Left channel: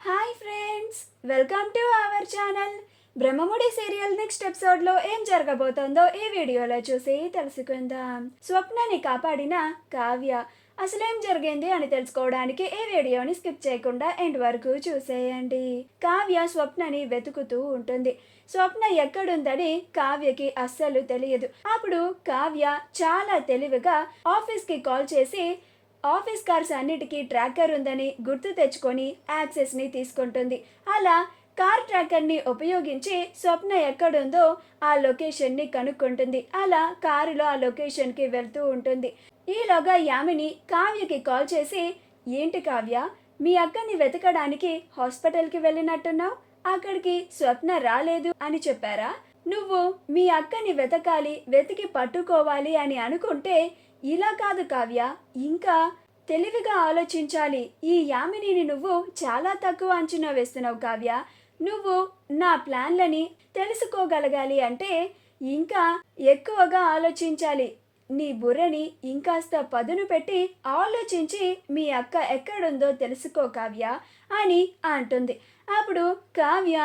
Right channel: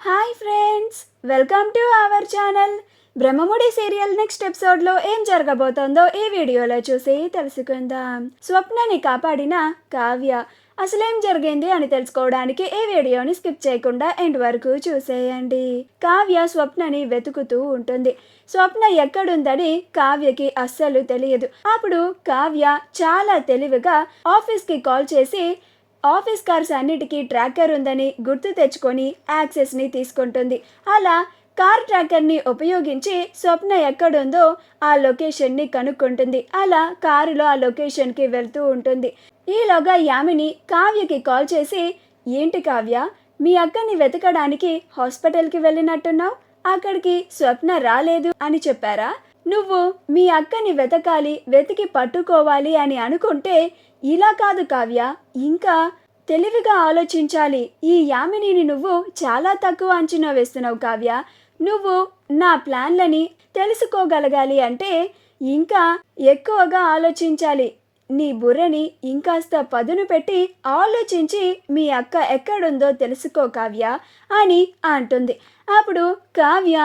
Hi friends, welcome to our channel. Brahmamudi serial next ఎపిసోడ్లో ఏం జరగబోతోందో ఈ వీడియోలో చూసి తెలుసుకుందాం. స్వప్నని కాపాడిన కావ్య అసలేం జరిగింది అని తెలుసుకోవడానికి ఈ వీడియోని స్కిప్ చేయకుండా ఎండ్ వరకు చూసేయండి. కావ్య స్వప్నని వెతుకుతూ ఉంటుంది. స్వప్న ఎక్కడుందని కావ్యకి అస్సలు తెలియదు. అప్పుడు కావ్య చాలా తెలివిగా ఆఫీస్కి కాల్ చేసి ఆఫీస్ కార్స్ అన్నిటికీ ట్రాకర్ ఉందని గుర్తు తెచ్చుకొని యాక్సెస్ని తీసుకుంటుంది. అలా కార్ ట్రాకర్ని ఉపయోగించి స్వప్న ఎక్కడుందో ఆ లొకేషన్ని కనుక్కుంటుంది. అలా కారులో ఆ లొకేషన్కి వెళ్తూ ఉంటుంది. ఈలోగా యామిని కావ్యకి కాల్ చేసి, ఏంటి కావ్య, మీ అక్కని వెతకడానికి హాస్పిటల్కి వెళ్ళినట్టున్నావు, అక్కడికి స్వప్న రాలేదు అని చెప్పారా? నువ్వు మీ అక్కని వెతికి పట్టుకోవాలి అని అనుకుంటే ఇలా కాదు కావ్య, ఇంకా తెలివిగా ఆలోచించాలి. ఈ యామినిని నువ్వు చాలా తక్కువ అంచనా వేస్తున్నావు కావ్య. నువ్వు నా ప్లాన్లని తెలుసుకోగలగాలి అంటే ఇంకా ఎక్కువగా ఆలోచించాలి. నీ బుర్రని ఇంకాస్త పదును పెట్టి ఆలోచించి మీ అక్క ఎక్కడుందో తెలుసుకో కావ్య అని అంటుంది. అప్పుడు కావ్య,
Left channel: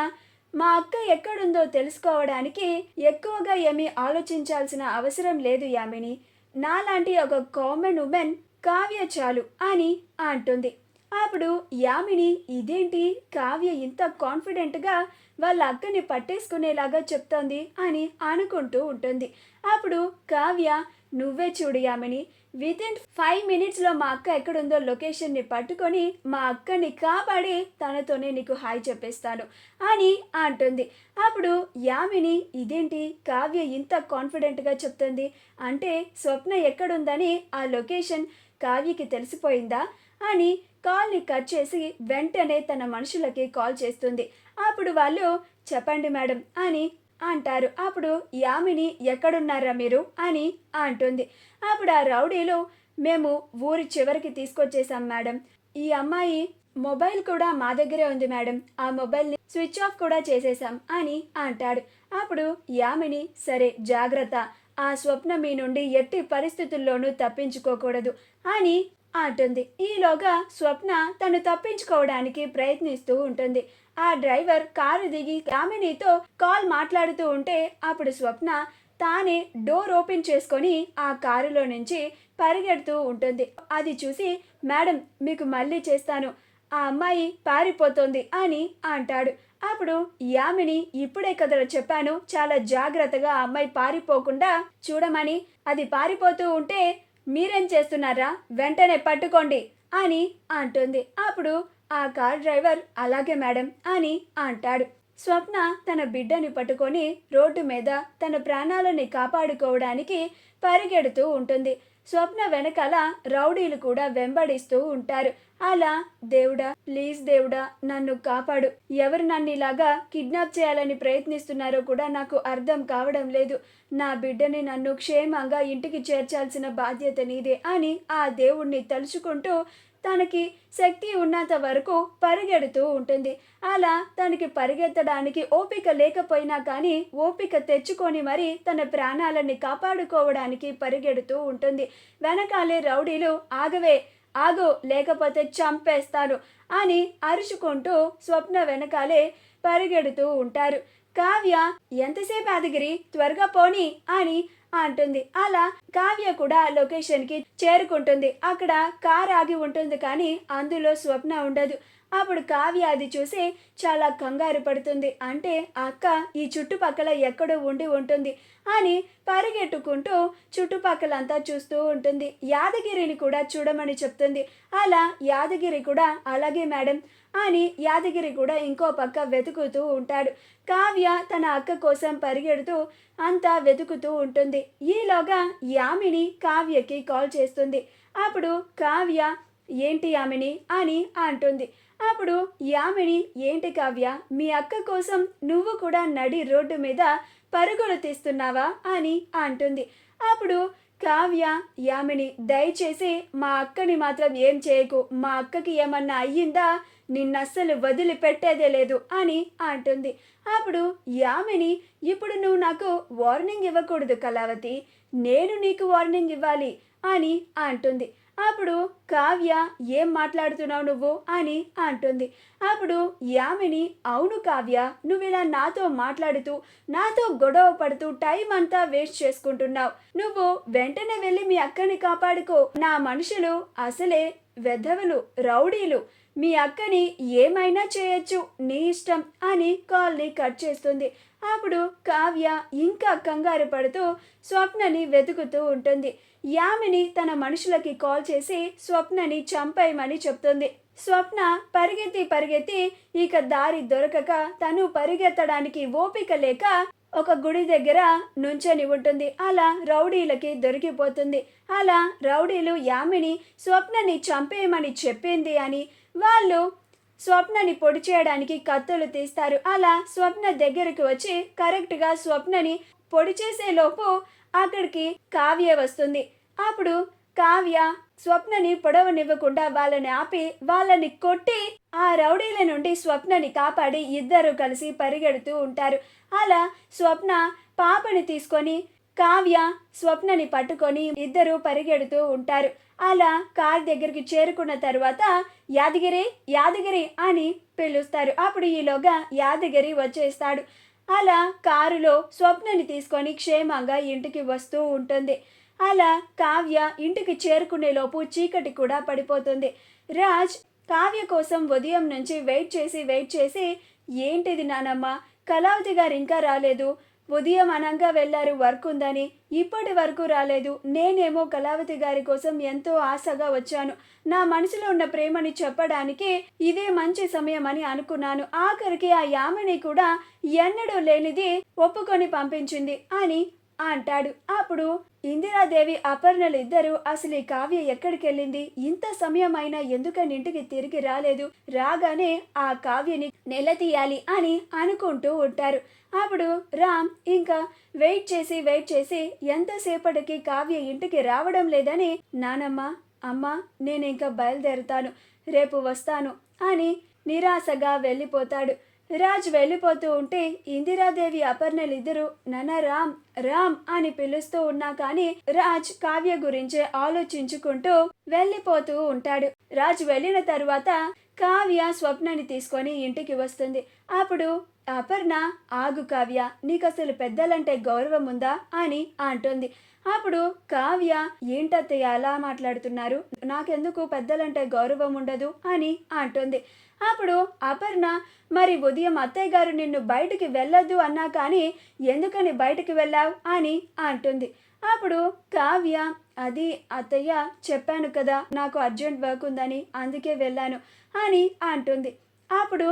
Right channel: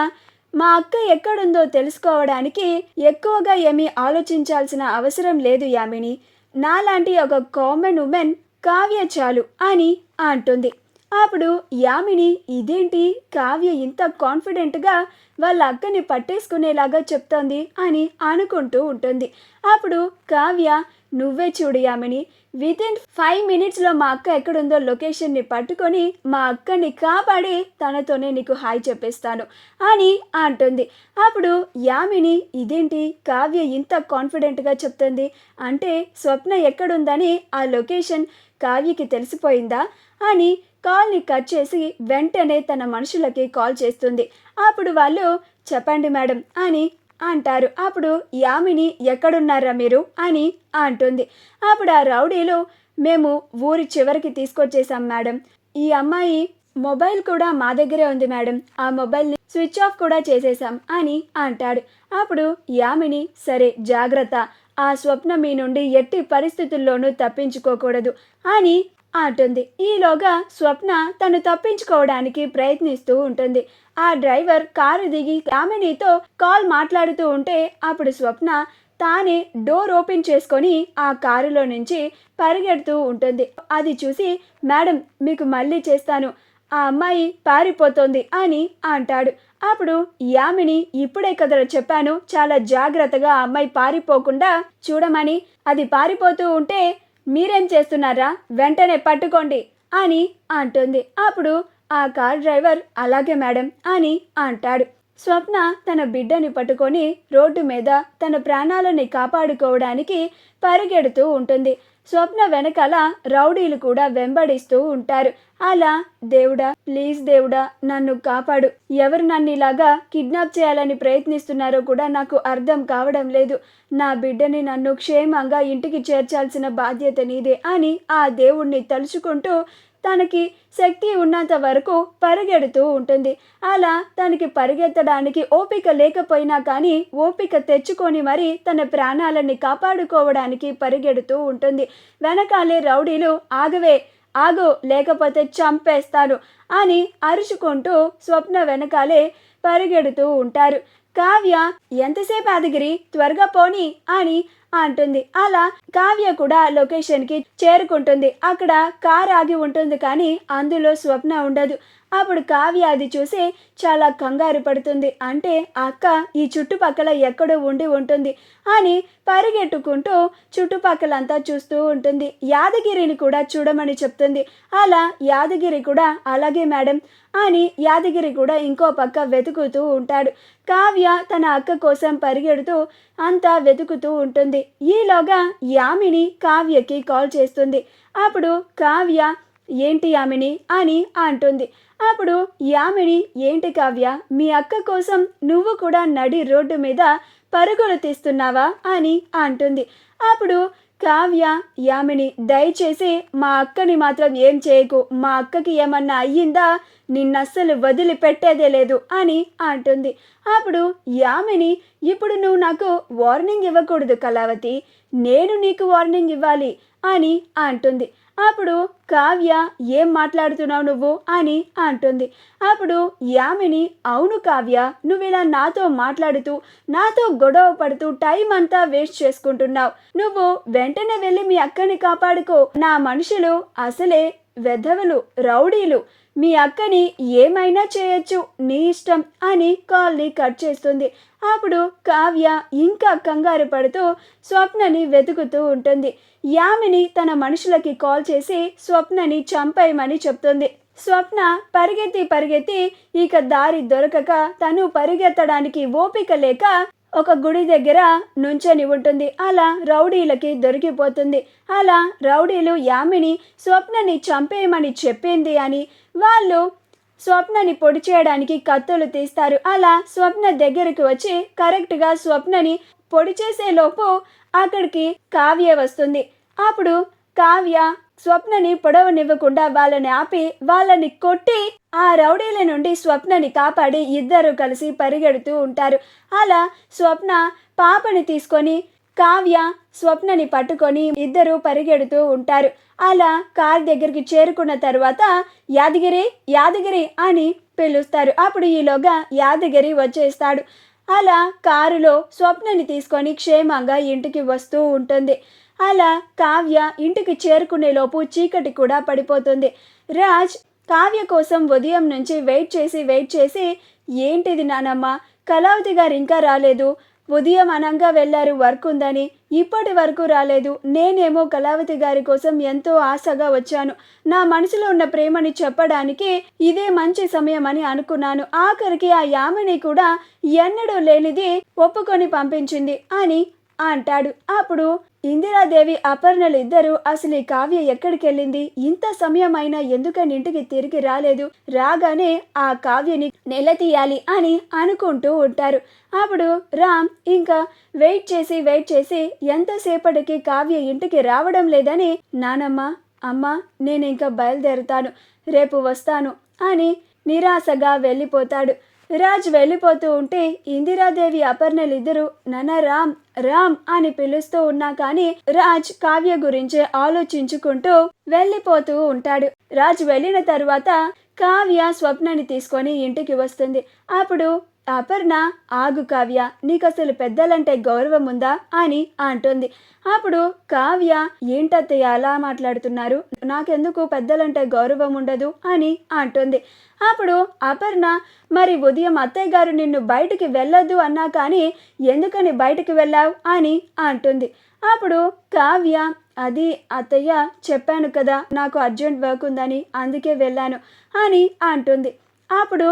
మా అక్క ఎక్కడుందో తెలుసుకోవడానికి ఎక్కువగా ఏమీ ఆలోచించాల్సిన అవసరం లేదు యామిని. నాలాంటి ఒక కామన్ ఉమెన్ కావ్య చాలు అని అంటుంది. అప్పుడు యామిని, ఇదేంటి కావ్య ఇంత కాన్ఫిడెంట్గా వాళ్ళ అక్కని పట్టేసుకునేలాగా చెప్తోంది అని అనుకుంటూ ఉంటుంది. అప్పుడు కావ్య, నువ్వే చూడు యామిని, వితిన్ 5 minutesలో మా అక్క ఎక్కడుందో లొకేషన్ని పట్టుకొని మా అక్కని కాపాడి తనతోనే నీకు హాయ్ చెప్పేస్తాను అని అంటుంది. అప్పుడు యామిని, ఇదేంటి కావ్య ఇంత కాన్ఫిడెంట్గా చెప్తుంది అంటే స్వప్న ఎక్కడుందని ఆ లొకేషన్ కావ్యకి తెలిసిపోయిందా అని కాల్ని కట్ చేసి వెంటనే తన మనుషులకి కాల్ చేస్తుంది. అప్పుడు వాళ్ళు, చెప్పండి మేడం అని అంటారు. అప్పుడు యామిని, ఎక్కడున్నారా మీరు అని అంటుంది. అప్పుడు ఆ రౌడీలు, మేము ఊరి చివరికి తీసుకొచ్చేసాం మేడం, ఈ అమ్మాయి మొబైల్ కూడా మా దగ్గరే ఉంది మేడం, ఆ మొబైల్ని స్విచ్ ఆఫ్ కూడా చేసేసాం అని అంటాడు. అప్పుడు యామిని, సరే జాగ్రత్త, ఆ స్వప్న మీ నుండి ఎట్టి పరిస్థితుల్లోనూ తప్పించుకోకూడదు అని అంటుంది. ఈలోగా స్వప్న తను తప్పించుకోవడానికి ప్రయత్నిస్తూ ఉంటుంది. ఆ డ్రైవర్ కారు దిగి యామినితో కాల్ మాట్లాడుతూ ఉంటే అప్పుడు స్వప్న తానే డోర్ ఓపెన్ చేసుకొని ఆ కారులో నుంచి పరిగెడుతూ ఉంటుంది. అది చూసి, మేడం మీకు మళ్ళీ చేస్తాను, ఆ అమ్మాయి పారిపోతోంది అని అంటాడు. అప్పుడు యామిని, ఇప్పుడే కదరా చెప్పాను చాలా జాగ్రత్తగా ఆ అమ్మాయి పారిపోకుండా చూడమని, అది పారిపోతూ ఉంటే మీరేం చేస్తున్నారా, వెంటనే పట్టుకోండి అని అంటుంది. అప్పుడు ఆ కార్ డ్రైవర్, అలాగే మేడం అని అంటాడు. స్వప్న తన బిడ్డని పట్టుకొని రోడ్డు మీద తన ప్రాణాలని కాపాడుకోవడానికి పరిగెడుతూ ఉంటుంది. స్వప్న వెనకాల రౌడీలు కూడా వెంబడిస్తూ ఉంటారు. అలా, దేవుడా ప్లీజ్ దేవుడా నన్ను కాపాడు, ఎవరు నన్ను ఇలాగా కిడ్నాప్ చేయాలని ప్రయత్నిస్తున్నారో కూడా నాకు అర్థం కావడం లేదు, నా బిడ్డని నన్ను క్షేమంగా ఇంటికి చేర్చాల్సిన బాధ్యత నీదే అని ఆ దేవుణ్ణి తలుచుకుంటూ తనకి శక్తి ఉన్నంత వరకు పరిగెడుతూ ఉంటుంది. అలా తనకి పరిగెత్తడానికి ఓపిక లేకపోయినా కానీ ఓపిక తెచ్చుకొని మరి తన ప్రాణాలని కాపాడుకోవడానికి పరిగెడుతూ ఉంటుంది. వెనకాలే రౌడీలు, ఆగవే ఆగు లేకపోతే చంపేస్తాను అని అరుచుకుంటూ స్వప్న వెనకాలే పరిగెడుతూ ఉంటారు. కావ్య, ఎంతసేపు యాదగిరి, త్వరగా పోని అని అంటుంది. అలా కావ్య కూడా లొకేషన్కి చేరుకుంటుంది. అక్కడ కార్ ఆగి ఉంటుంది కానీ అందులో స్వప్న ఉండదు. అప్పుడు కావ్య అది చూసి చాలా కంగారు పడుతుంది. అంటే అక్క ఈ చుట్టుపక్కల ఎక్కడో ఉండి ఉంటుంది అని పరిగెట్టుకుంటూ చుట్టుపక్కలంతా చూస్తూ ఉంటుంది. యాదగిరిని కూడా చూడమని చెప్తుంది. అలా యాదగిరి కూడా అలాగే మేడం అని యాదగిరి కూడా ఇంకో పక్క వెతుకుతూ ఉంటాడు. కావ్య తన అక్క కోసం పరిగెడుతూ అంతా వెతుకుతూ ఉంటుంది. ఈలోగా యామిని కావ్యకి కాల్ చేస్తుంది. అప్పుడు కావ్య, ఏంటి యామిని అని అంటుంది. అప్పుడు యామిని, ఏంటి కావ్య, మీ అక్క కోసం నువ్వు కూడా నడి రోడ్డు మీద పరుగులు తీస్తున్నావా అని అంటుంది. అప్పుడు కావ్య, యామిని దయచేసి మా అక్కని మాత్రం ఏం చేయకు, మా అక్కకి ఏమన్నా అయ్యిందా నిన్నస్సలు వదిలిపెట్టేదే లేదు అని అంటుంది. అప్పుడు యామిని, ఇప్పుడు నువ్వు నాకు వార్నింగ్ ఇవ్వకూడదు కళావతి, నేను నీకు వార్నింగ్ ఇవ్వాలి అని అంటుంది. అప్పుడు కావ్య ఏం మాట్లాడుతున్నావు నువ్వు అని అంటుంది. అప్పుడు యామిని అవును కావ్య, నువ్వు ఇలా నాతో మాట్లాడుతూ నాతో గొడవ పడుతూ టైం అంతా వేస్ట్ చేసుకుంటున్నావు. నువ్వు వెంటనే వెళ్ళి మీ అక్కని కాపాడుకో. నా మనుషులు అసలే వెధవలు, రౌడీలు. మీ అక్కని ఏమైనా చేయొచ్చు, నీ ఇష్టం అని కాల్ని కట్ చేస్తుంది. అప్పుడు కావ్య ఇంకా కంగారు పడుతూ స్వప్నని వెతుకుతూ ఉంటుంది. యామిని తన మనుషులకి కాల్ చేసి స్వప్నని చంపేయమని చెప్తుంది. స్వప్న పరిగెత్తి ఇక దారి దొరకక తను పరిగెత్తడానికి ఓపిక లేక ఒక గుడి దగ్గర నుంచొని ఉంటుంది. అలా రౌడీలకి దొరికిపోతుంది. అలా రౌడీలు యామిని స్వప్నని చంపేయమని చెప్పింది అని వాళ్ళు స్వప్నని పొడి చేయడానికి కత్తులు తీస్తారు. అలా స్వప్న దగ్గరికి వచ్చి కరెక్ట్గా స్వప్నని పొడి చేసేలోపు అక్కడికి కావ్య వస్తుంది. అప్పుడు కావ్య స్వప్నని పొడవనివ్వకుండా వాళ్ళని ఆపి వాళ్ళని కొట్టి ఆ రౌడీల నుండి స్వప్నని కాపాడి ఇద్దరు కలిసి పరిగెడుతూ ఉంటారు. అలా స్వప్న పాపని తీసుకొని కావ్య స్వప్నని పట్టుకొని ఇద్దరు పరిగెడుతూ ఉంటారు. అలా కార్ దగ్గరికి చేరుకున్న తర్వాత యాదగిరి యాదగిరి అని పిలుస్తారు. అప్పుడు ఈలోగా యాదగిరి వచ్చేస్తాడు. అలా కారులో స్వప్నని తీసుకొని క్షేమంగా ఇంటికి వస్తూ ఉంటుంది. అలా కావ్య ఇంటికి చేరుకునేలోపు చీకటి కూడా పడిపోతుంది. రాజ్ కావ్య కోసం ఉదయం నుంచి వెయిట్ చేసి ఏంటిది నానమ్మ, కళావతి గారు ఇంకా రాలేదు, ఉదయం అనంగా వెళ్ళారు వర్క్ ఉందని, ఇప్పటి వరకు రాలేదు. నేనేమో కళావతి గారి కోసం ఎంతో ఆశగా వచ్చాను. నా మనసులో ఉన్న ప్రేమని చెప్పడానికి ఇదే మంచి సమయం అని అనుకున్నాను. ఆఖరికి ఆ యామిని కూడా ఎన్నడూ లేనిది ఒప్పుకొని పంపించింది అని అంటాడు. అప్పుడు ఇందిరాదేవి అపర్ణలు ఇద్దరు అసలు ఈ కావ్య ఎక్కడికి వెళ్ళింది, ఇంత సమయం అయినా ఎందుకని ఇంటికి తిరిగి రాలేదు, రాగానే ఆ కావ్యని నిలదీయాలి అని అనుకుంటూ ఉంటారు. అప్పుడు రామ్ ఇంకా వెయిట్ చేసి ఎంతసేపటికి కావ్య ఇంటికి రావడం లేదని నానమ్మ అమ్మ నేను ఇంకా బయలుదేరుతాను, రేపు వస్తాను అని నిరాశగా వెళ్ళిపోతాడు. రాజ్ వెళ్ళిపోతూ ఉంటే ఇందిరాదేవి అపర్ణలు ఇద్దరు నాన్న రామ్ రామ్ అని పిలుస్తూ ఉన్నా కానీ రాజ్ కావ్య గురించే ఆలోచించుకుంటూ వెళ్ళిపోతూ ఉంటాడు. రాజ్ వెళ్ళిన తరువాత కావ్య స్వప్నని తీసుకొని ఇంటికి వస్తుంది. అప్పుడు అపర్ణ ఆగు కావ్య, నీకు అసలు పెద్దలంటే గౌరవం ఉందా అని అంటుంది. అప్పుడు కావ్య ఏంటత్తయ్య అలా మాట్లాడుతున్నారు, నాకెందుకు పెద్దలంటే గౌరవం ఉండదు అని అంటుంది. అప్పుడు అపర్ణ మరి ఉదయం అత్తయ్య గారు నిన్ను బయటికి వెళ్ళొద్దు అన్నా కానీ ఎందుకని బయటికి వెళ్ళావు అని అంటుంది. అప్పుడు కావ్య అది అత్తయ్య చెప్పాను కదా నాకు అర్జెంట్ వర్క్ ఉందని అందుకే వెళ్ళాను అని అంటుంది. అప్పుడు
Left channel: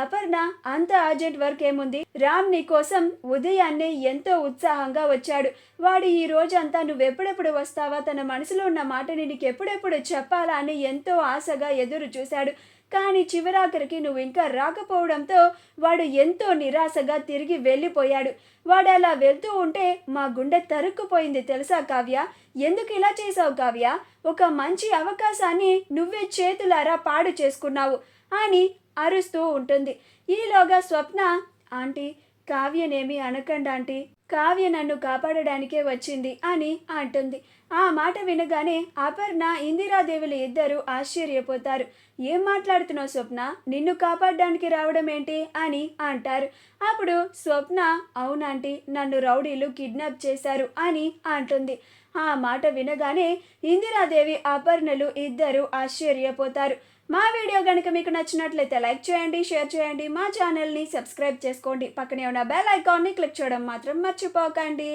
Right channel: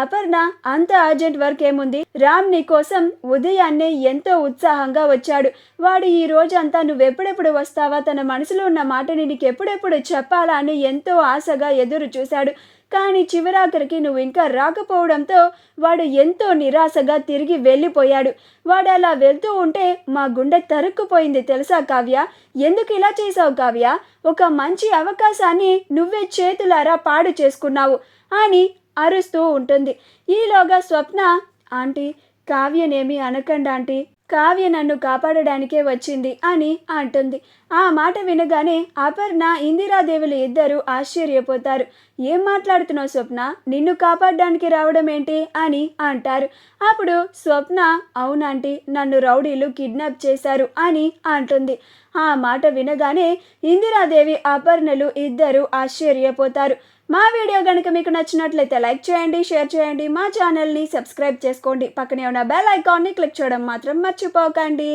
అపర్ణ అంత అర్జెంట్ వర్క్ ఏముంది, రామ్ నీ కోసం ఉదయాన్నే ఎంతో ఉత్సాహంగా వచ్చాడు. వాడు ఈ రోజంతా నువ్వెప్పుడెప్పుడు వస్తావా, తన మనసులో ఉన్న మాటని నీకు ఎప్పుడెప్పుడు చెప్పాలా అని ఎంతో ఆశగా ఎదురు చూశాడు. కానీ చివరాఖరికి నువ్వు ఇంకా రాకపోవడంతో వాడు ఎంతో నిరాశగా తిరిగి వెళ్ళిపోయాడు. వాడు అలా వెళ్తూ ఉంటే మా గుండె తరుక్కుపోయింది తెలుసా కావ్య, ఎందుకు ఇలా చేసావు కావ్య, ఒక మంచి అవకాశాన్ని నువ్వే చేతులారా పాడు చేసుకున్నావు అని అరుస్తూ ఉంటుంది. ఈలోగా స్వప్న ఆంటీ కావ్యనేమి అనకండి ఆంటీ, కావ్య నన్ను కాపాడడానికే వచ్చింది అని అంటుంది. ఆ మాట వినగానే అపర్ణ ఇందిరాదేవులు ఇద్దరు ఆశ్చర్యపోతారు. ఏం మాట్లాడుతున్నావు స్వప్న, నిన్ను కాపాడడానికి రావడం ఏంటి అని అంటారు. అప్పుడు స్వప్న అవునంటీ నన్ను రౌడీలు కిడ్నాప్ చేశారు అని అంటుంది. ఆ మాట వినగానే ఇందిరాదేవి అపర్ణలు ఇద్దరు ఆశ్చర్యపోతారు. మా వీడియో కనుక మీకు నచ్చినట్లయితే లైక్ చేయండి, షేర్ చేయండి, మా ఛానల్ని సబ్స్క్రైబ్ చేసుకోండి, పక్కనే ఉన్న బెల్ ఐకాన్ని క్లిక్ చేయడం మాత్రం మర్చిపోకండి.